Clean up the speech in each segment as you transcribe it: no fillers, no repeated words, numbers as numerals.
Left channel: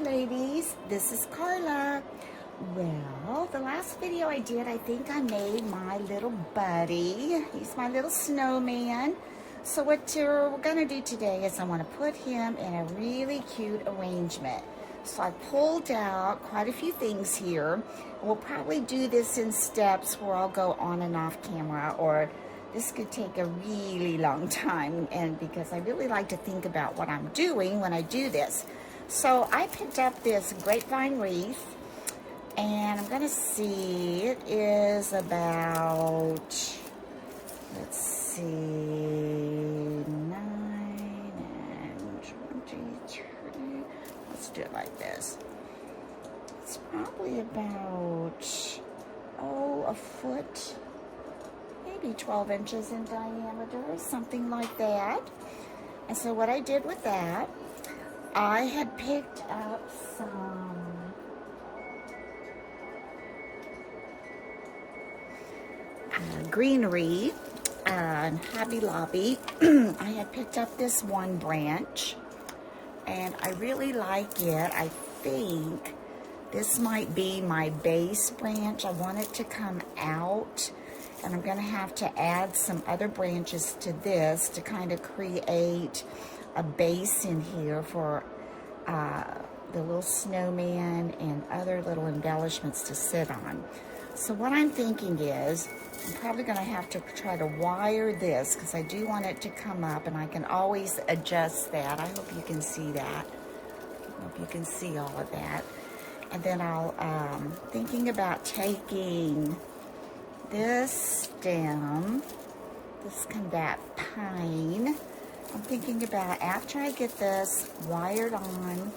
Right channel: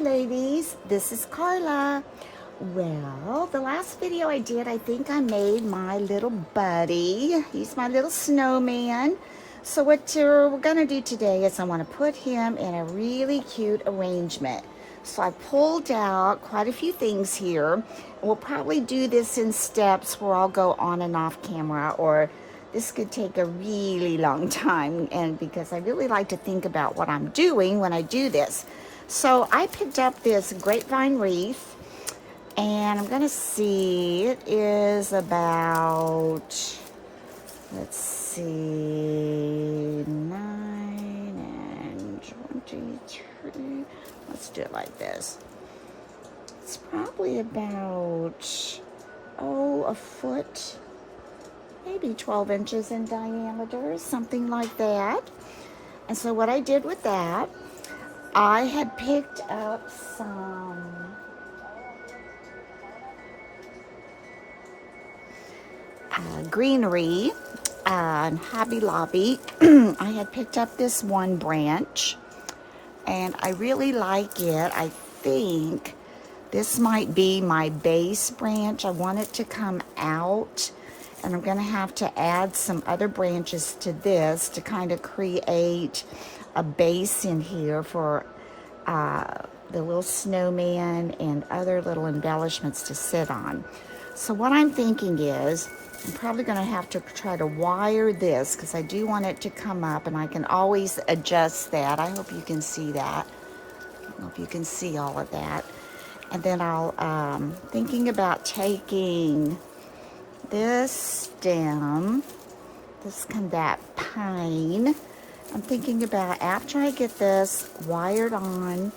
ladies, this is Carla. Well, the last video I did, I think I made my little buddy. He's my little snowman. So what we're gonna do today is I want to put him in a really cute arrangement. So I pulled out quite a few things here. We'll probably do this in steps where I'll go on and off camera, or this could take a really long time, and because I really like to think about what I'm doing when I do this. So I picked up this grapevine wreath, and I'm gonna see, it is about, let's see, 9 and 23. Let's do it like this. It's probably about, a foot, maybe 12 inches in diameter, something like that. And so what I did with that, I had picked up some greenery in Hobby Lobby. I had picked up this one branch, and I really like it. I think this might be my base branch. I want it to come out, and I'm going to have to add some other branches to this to kind of create a base in here for the little snowman and other little embellishments to sit on. So what I'm thinking is I'm probably going to have to try to wire this, because I do want it to come up, and I can always adjust that. I hope you can see that. I hope you can see all of that. And then I'll thinking about taking this stem, that pine. I'm thinking about, after I get this wired on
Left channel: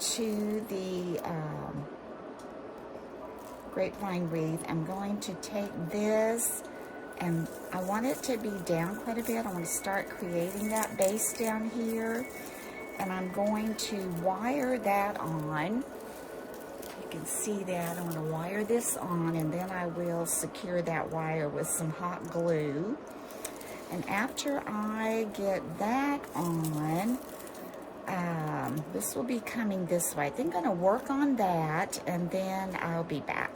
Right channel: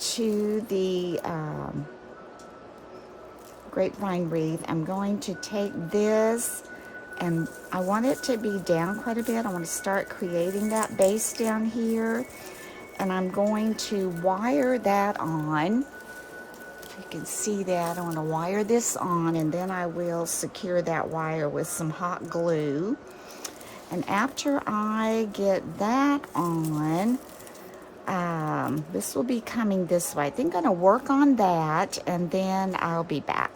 to the grapevine wreath, I'm going to take this, and I want it to be down quite a bit. I want to start creating that base down here, and I'm going to wire that on. You can see that. I want to wire this on, and then I will secure that wire with some hot glue. And after I get that on, this will be coming this way. I think I'm going to work on that, and then I'll be back.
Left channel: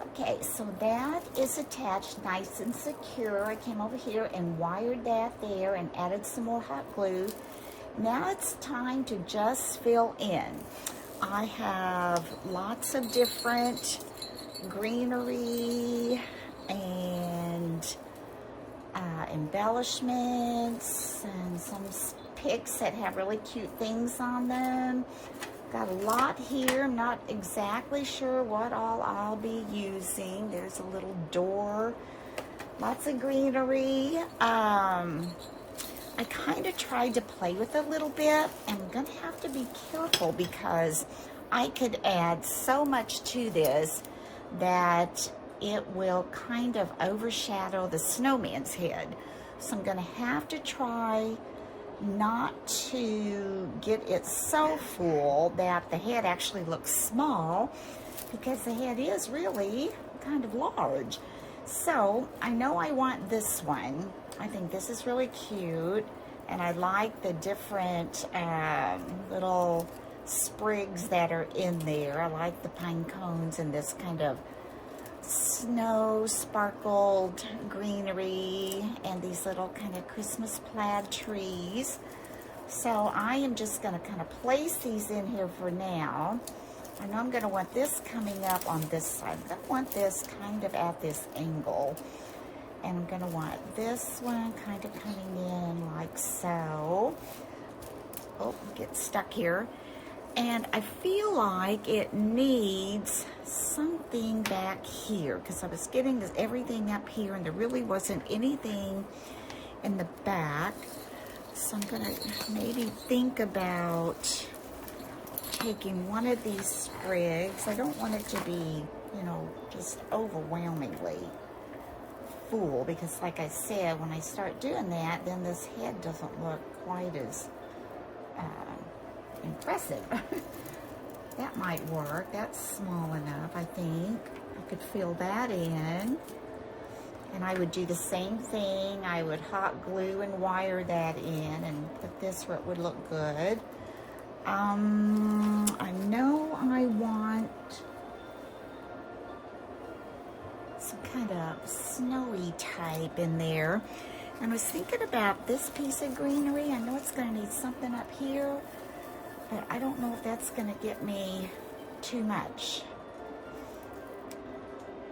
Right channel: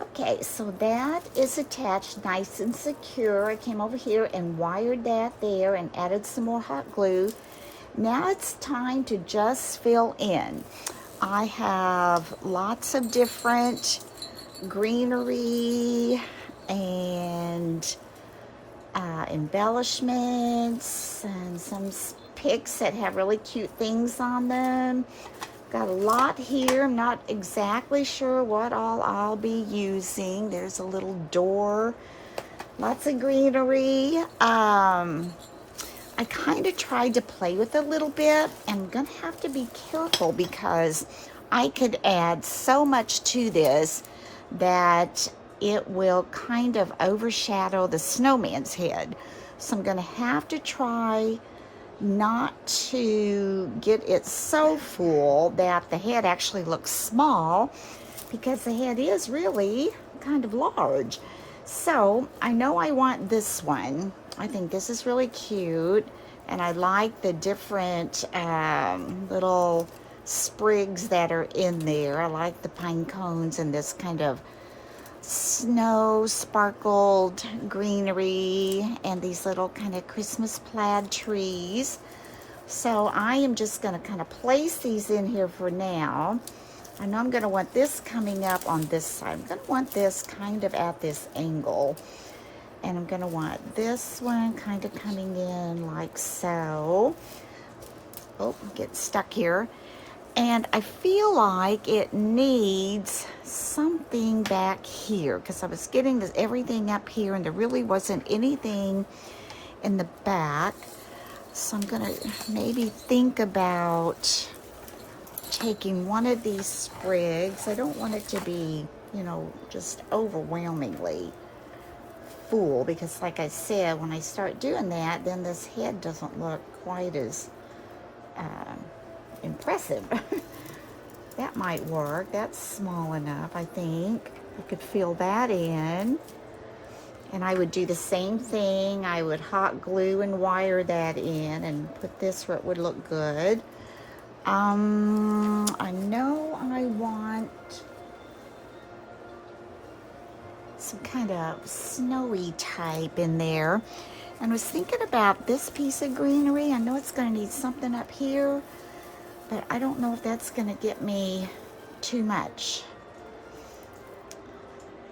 Okay, so that is attached nice and secure. I came over here and wired that there and added some more hot glue. Now it's time to just fill in. I have lots of different greenery and embellishments, and some picks that have really cute things on them. Got a lot here. I'm not exactly sure what all I'll be using. There's a little door, lots of greenery. I kind of tried to play with it a little bit. I'm gonna have to be careful, because I could add so much to this that it will kind of overshadow the snowman's head. So I'm gonna have to try not to get it so full that the head actually looks small, because the head is really kind of large. So I know I want this one. I think this is really cute, and I like the different little sprigs that are in there. I like the pine cones and this kind of snow sparkled greenery, and these little kind of Christmas plaid trees. So I am just going to kind of place these in here for now. I know I'm going to want this coming up on this side. I'm going to want this kind of at this angle, and I'm going to want this one kind of coming in like so. Oh, get stuck here. And I feel like it needs something back here, because I was getting this, everything up here, and there really wasn't anything in the back. So I'm gonna maybe think about taking one of these sprigs. I don't want it to be, just overwhelmingly full, because like I said, when I start doing that, then this head doesn't look quite as impressive. That might work. That's small enough, I think. I could fill that in. And I would do the same thing. I would hot glue and wire that in and put this where it would look good. I know I want some kind of snowy type in there. And I was thinking about this piece of greenery. I know it's going to need something up here, but I don't know if that's going to get me too much.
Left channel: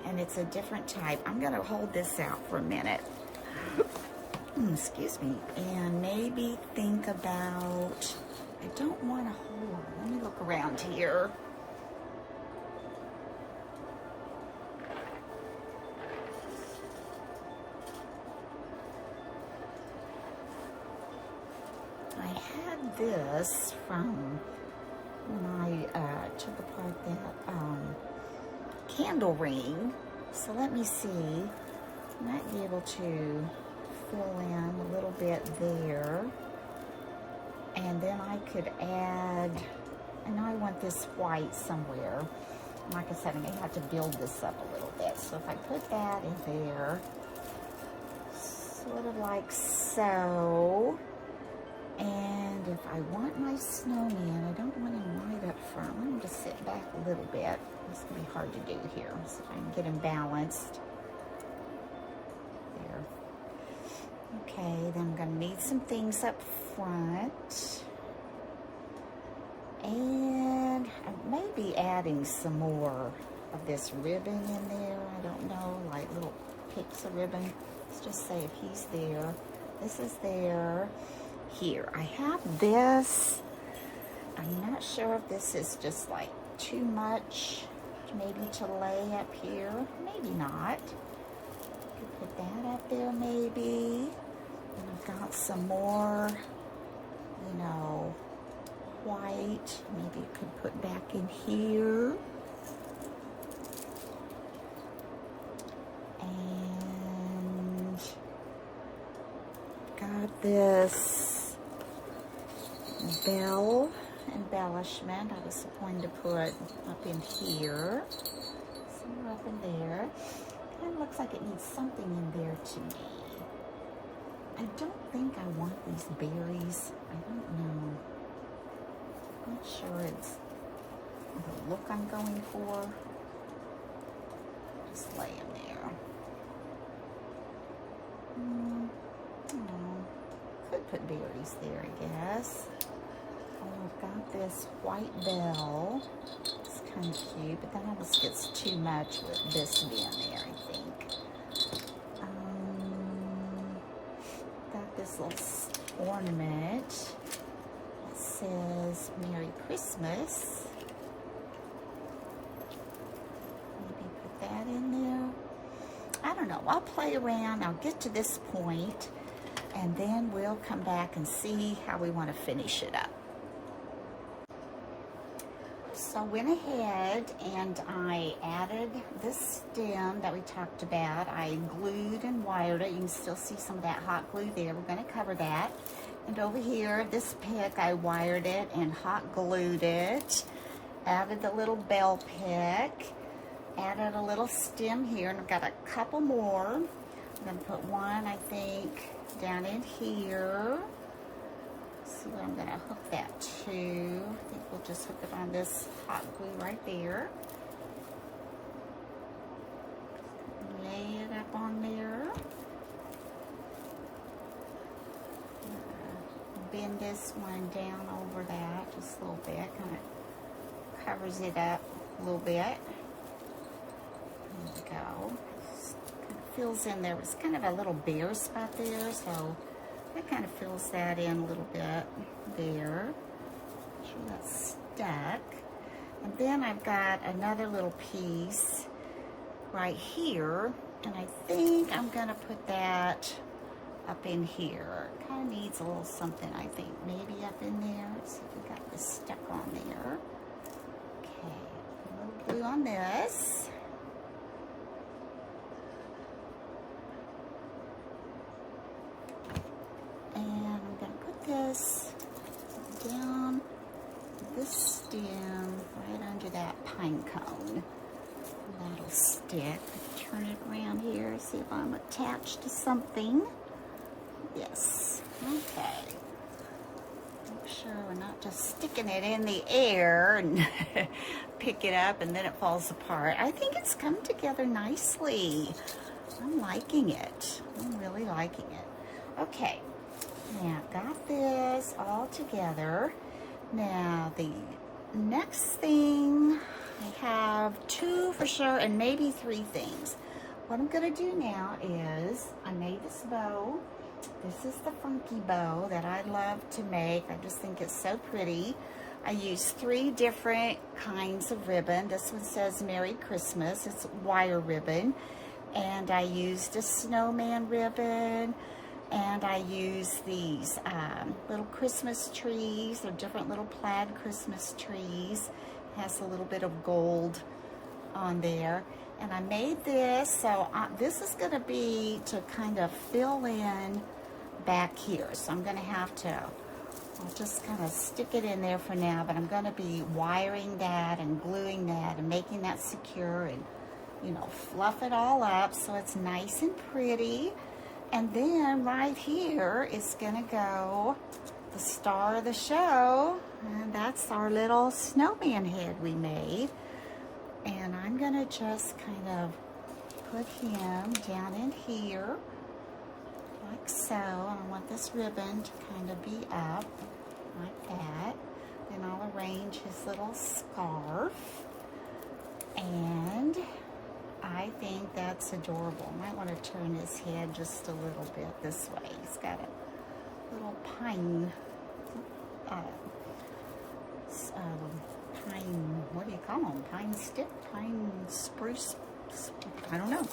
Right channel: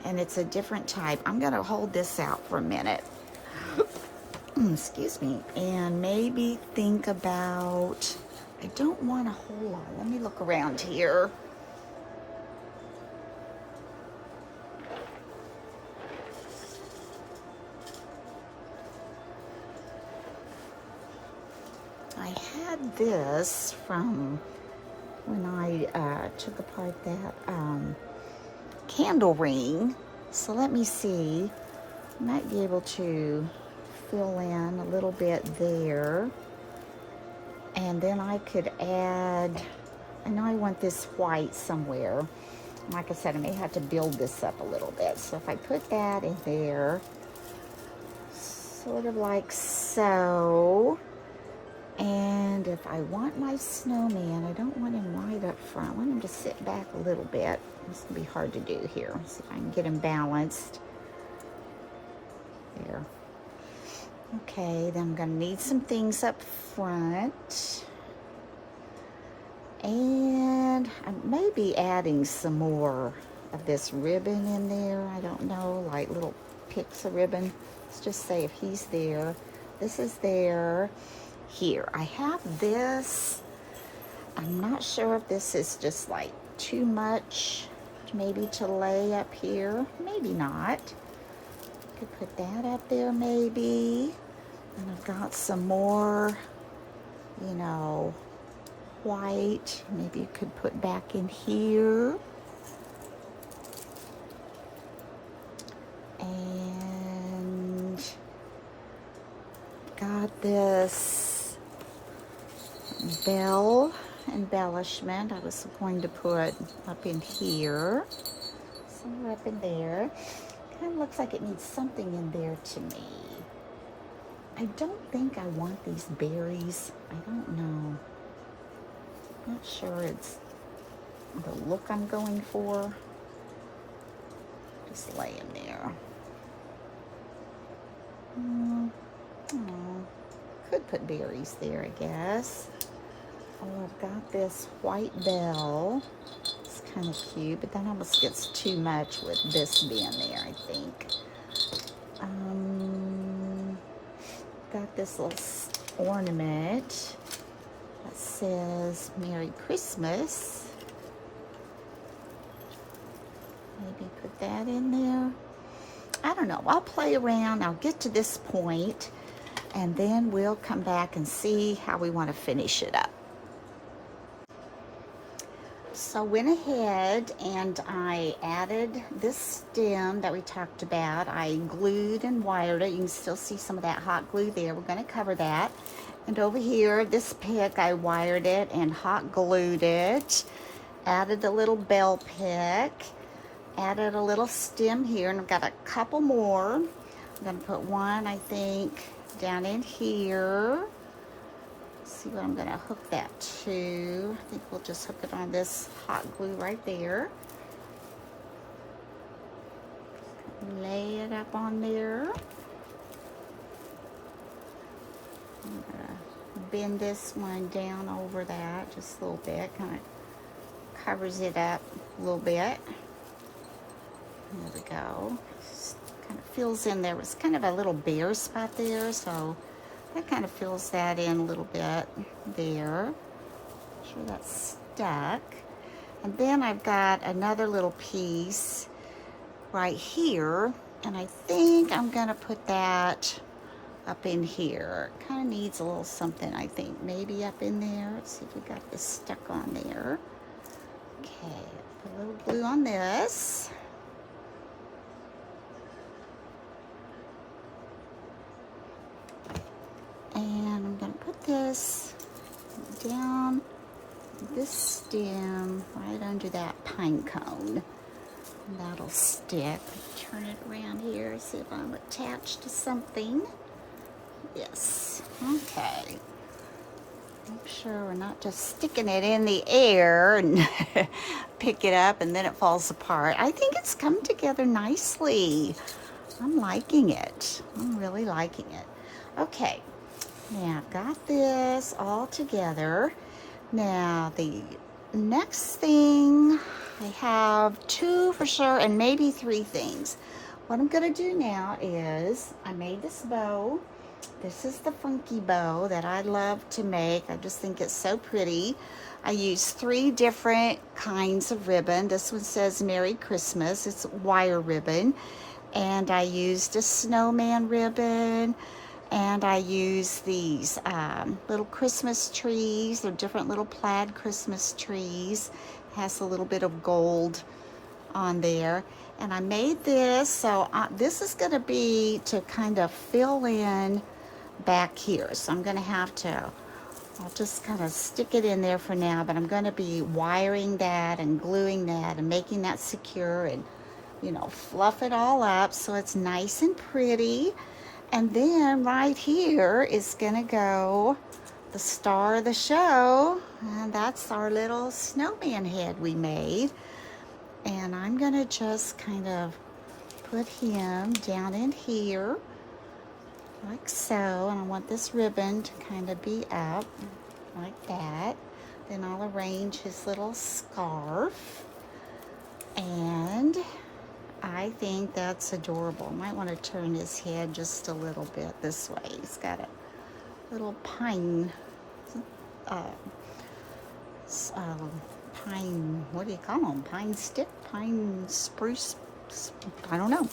And it's a different type. I'm going to hold this out for a minute. Excuse me. And maybe think about, I don't want a whole lot. Let me look around here. I had this from when I took apart that candle ring. So let me see. I might be able to fill in a little bit there. And then I could add, I know I want this white somewhere. Like I said, I may have to build this up a little bit. So if I put that in there, sort of like so. And if I want my snowman, I don't want him right up front. I want him to sit back a little bit. It's going to be hard to do here. So if I can get him balanced. There. Okay, then I'm going to need some things up front. And I may be adding some more of this ribbon in there. I don't know, like little picks of ribbon. Let's just say if he's there. This is there. Here, I have this. I'm not sure if this is just like too much maybe to lay up here. Maybe not. Could put that up there maybe. And I've got some more, you know, white. Maybe you could put back in here. And got this bell embellishment I was going to put up in here, somewhere up in there. Kind of looks like it needs something in there to me. I don't think I want these berries. I don't know. Not sure it's the look I'm going for. Just lay them there. Could put berries there, I guess. I've got this white bell. It's kind of cute, but that almost gets too much with this being there, I think. Got this little ornament that says Merry Christmas. Maybe put that in there. I don't know. I'll play around. I'll get to this point, and then we'll come back and see how we want to finish it up. So I went ahead and I added this stem that we talked about. I glued and wired it. You can still see some of that hot glue there. We're going to cover that. And over here, this pick, I wired it and hot glued it. Added the little bell pick. Added a little stem here, and I've got a couple more. I'm going to put one, I think, down in here. See what I'm going to hook that to. I think we'll just hook it on this hot glue right there. Lay it up on there. I'm going to bend this one down over that just a little bit. Kind of covers it up a little bit. There we go. Just kind of fills in. There was kind of a little bare spot there, so that kind of fills that in a little bit there. Make sure that's stuck. And then I've got another little piece right here, and I think I'm going to put that up in here. It kind of needs a little something, I think, maybe up in there. Let's see if we got this stuck on there. Okay, put a little glue on this. And I'm going to put this down this stem right under that pine cone. And that'll stick. turn it around here, see if I'm attached to something. Yes, okay. Make sure we're not just sticking it in the air and pick it up and then it falls apart. I think it's come together nicely. I'm liking it. I'm really liking it. Okay, now I've got this all together. Now the next thing, I have 2 for sure and maybe 3 things. What I'm gonna do now is, I made this bow. This is the funky bow that I love to make. I just think it's so pretty. I used 3 different kinds of ribbon. This one says Merry Christmas. It's wire ribbon. And I used a snowman ribbon. And I used these little Christmas trees. They're different little plaid Christmas trees. Has a little bit of gold on there. And I made this, so this is going to be to kind of fill in back here. So I'm going to have to, I'll just kind of stick it in there for now, but I'm going to be wiring that and gluing that and making that secure and, you know, fluff it all up so it's nice and pretty. And then right here is going to go the star of the show, and that's our little snowman head we made. And I'm going to just kind of put him down in here like so, and I want this ribbon to kind of be up like that. Then I'll arrange his little scarf, and I think that's adorable. Might want to turn his head just a little bit this way. He's got a little pine, pine, what do you call them? Pine stick? Pine spruce? I don't know.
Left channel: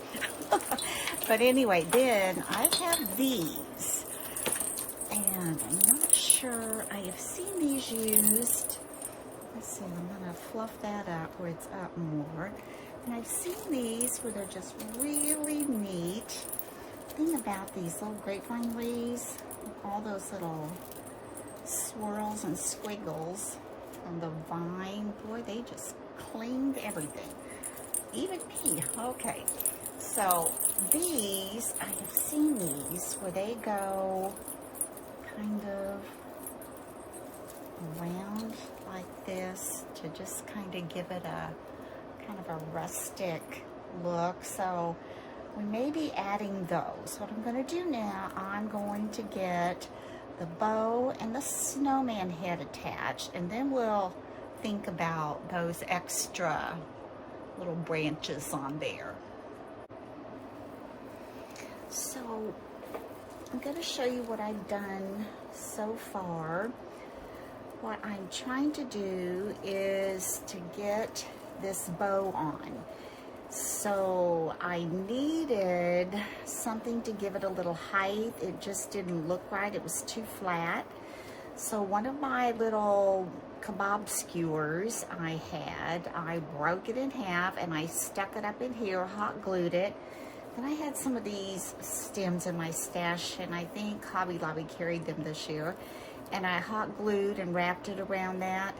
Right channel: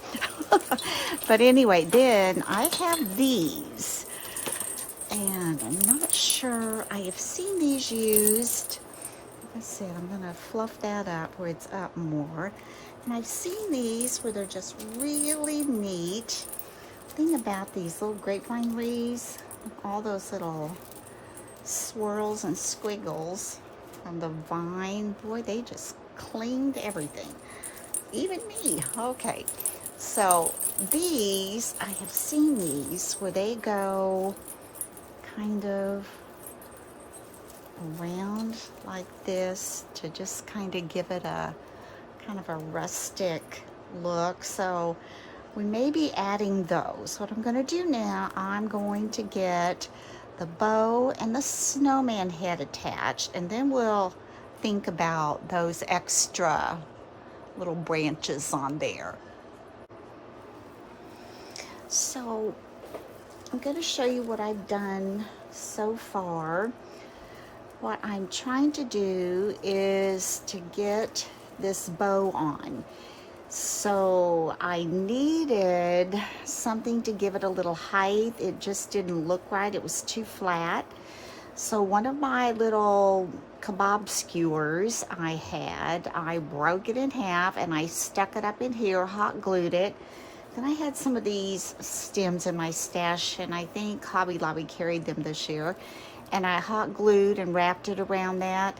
But anyway, then I have these. And I'm not sure, I have seen these used. Like I said, I'm going to fluff that up where it's up more. And I've seen these where they're just really neat. The thing about these little grapevine leaves, all those little swirls and squiggles on the vine, boy, they just cleaned everything. Even me. Okay. So these, I have seen these where they go kind of around like this to just kind of give it a kind of a rustic look. So we may be adding those. What I'm going to do now, I'm going to get the bow and the snowman head attached, and then we'll think about those extra little branches on there. So I'm going to show you what I've done so far. What I'm trying to do is to get this bow on. So I needed something to give it a little height. It just didn't look right. It was too flat. So one of my little kebab skewers I broke it in half and I stuck it up in here, hot glued it. Then I had some of these stems in my stash, and I think Hobby Lobby carried them this year. And I hot glued and wrapped it around that.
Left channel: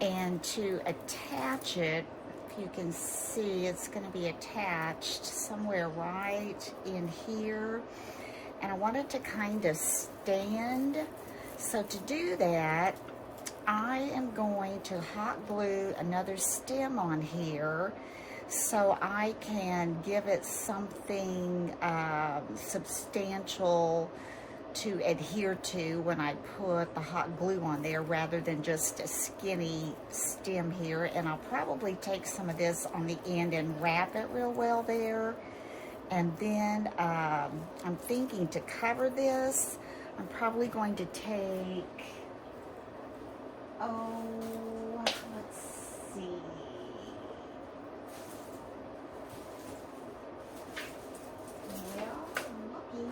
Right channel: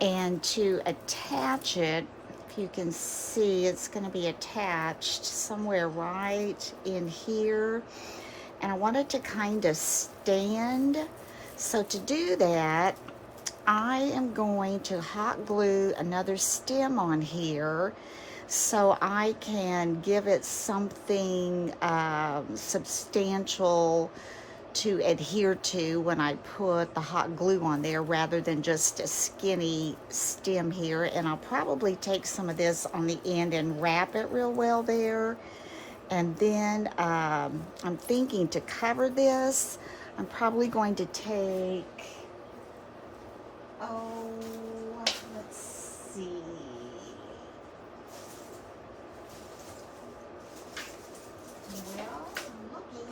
And to attach it, if you can see, it's going to be attached somewhere right in here. And I want it to kind of stand. So to do that, I am going to hot glue another stem on here so I can give it something substantial to adhere to when I put the hot glue on there, rather than just a skinny stem here. And I'll probably take some of this on the end and wrap it real well there. And then I'm thinking to cover this, I'm probably going to take, let's see. Well, I'm looking.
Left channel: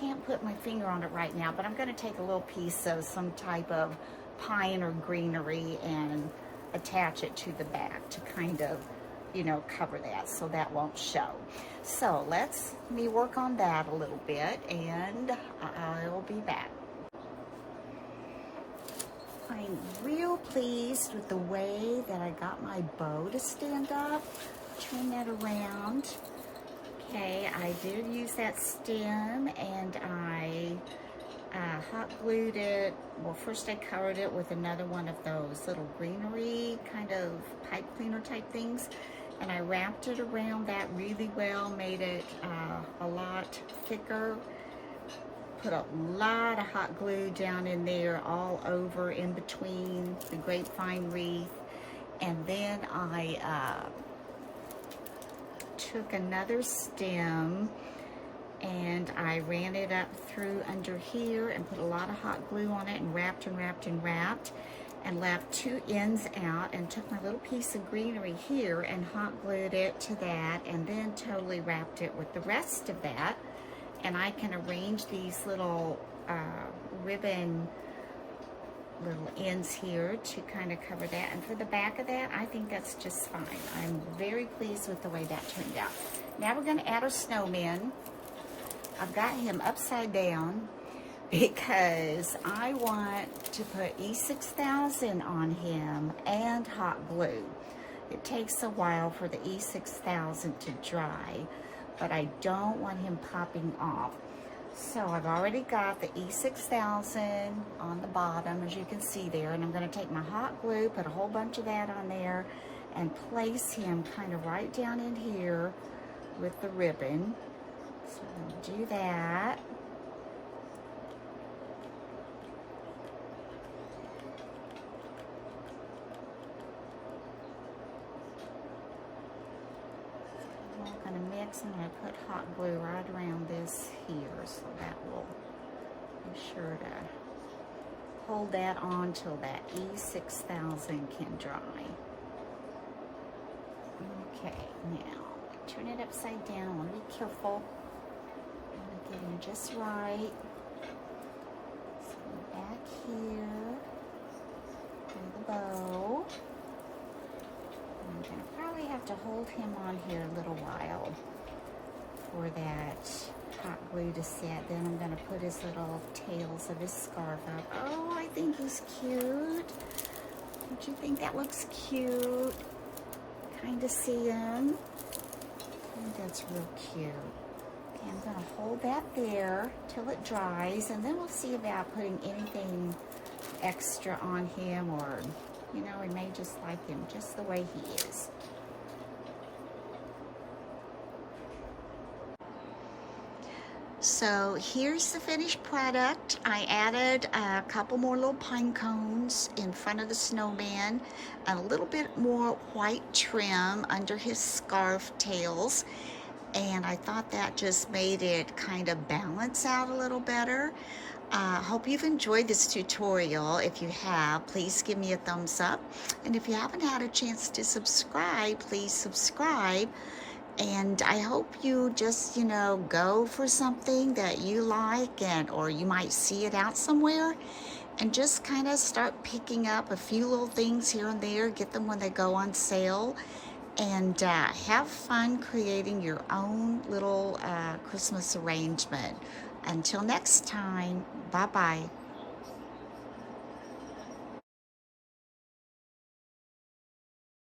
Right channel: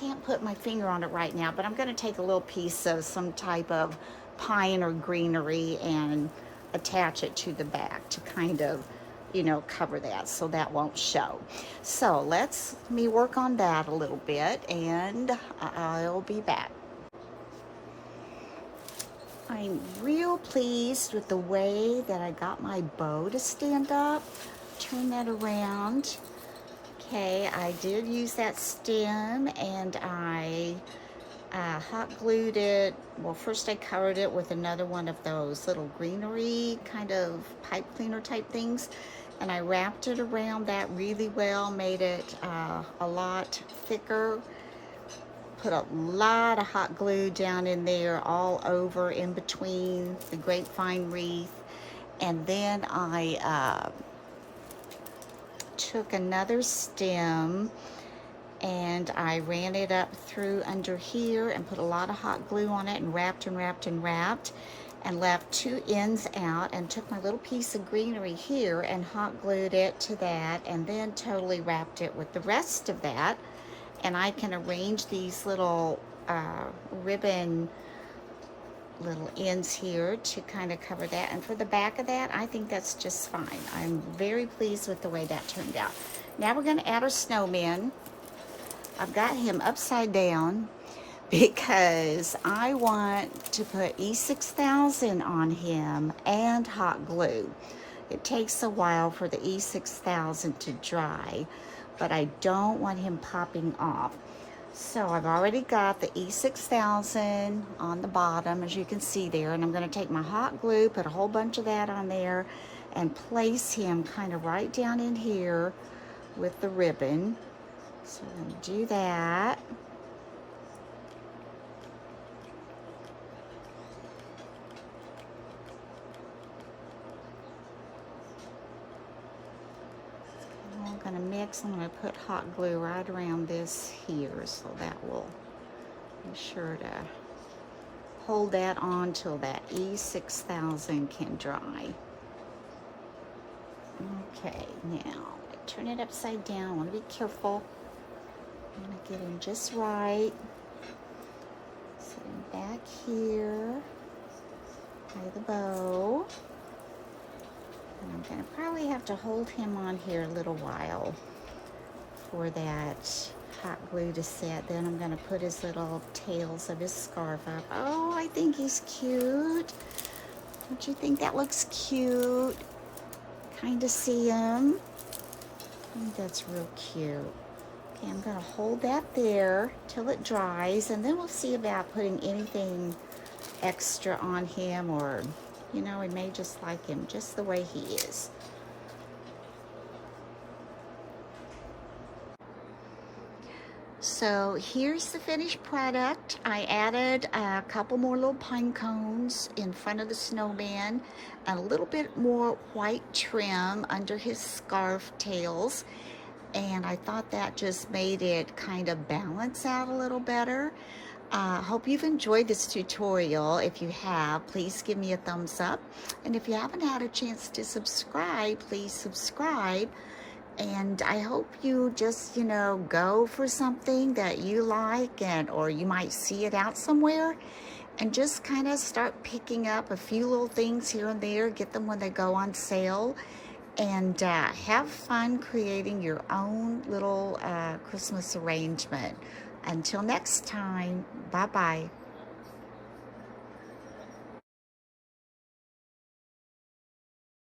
Can't put my finger on it right now, but I'm going to take a little piece of some type of pine or greenery and attach it to the back to kind of, you know, cover that so that won't show. So let me work on that a little bit, and I'll be back. I I'm real pleased with the way that I got my bow to stand up. Turn that around. Okay, I did use that stem, and I hot glued it. Well, first I covered it with another one of those little greenery kind of pipe cleaner type things, and I wrapped it around that really well, made it a lot thicker. Put a lot of hot glue down in there, all over in between the grapevine wreath. And then I took another stem and I ran it up through under here and put a lot of hot glue on it and wrapped and wrapped and wrapped and left two ends out, and took my little piece of greenery here and hot glued it to that, and then totally wrapped it with the rest of that. And I can arrange these little ribbon little ends here to kind of cover that. And for the back of that, I think that's just fine. I'm very pleased with the way that turned out. Now we're going to add our snowman. I've got him upside down because I want to put E6000 on him and hot glue. It takes a while for the E6000 to dry, but I don't want him popping off. So I've already got the E6000 on the bottom, as you can see there, and I'm going to take my hot glue, put a whole bunch of that on there, and place him kind of right down in here with the ribbon. So I'm going to do that. I'm going to mix. I'm going to put hot glue right around this here, so that will be sure to hold that on till that E6000 can dry. Okay, now turn it upside down. I'm going to be careful. I'm going to get him just right. So I'm back here by the bow. I'm going to probably have to hold him on here a little while for that hot glue to set. Then I'm going to put his little tails of his scarf up. Oh, I think he's cute. Don't you think that looks cute? Kind of see him. I think that's real cute. Okay, I'm going to hold that there till it dries, and then we'll see about putting anything extra on him, or you know, we may just like him just the way he is. So here's the finished product. I added a couple more little pine cones in front of the snowman, and a little bit more white trim under his scarf tails. And I thought that just made it kind of balance out a little better. Hope you've enjoyed this tutorial. If you have, please give me a thumbs up. And if you haven't had a chance to subscribe, please subscribe. And I hope you just, you know, go for something that you like, and or you might see it out somewhere, and just kind of start picking up a few little things here and there, get them when they go on sale, and have fun creating your own little Christmas arrangement. Until next time, bye-bye.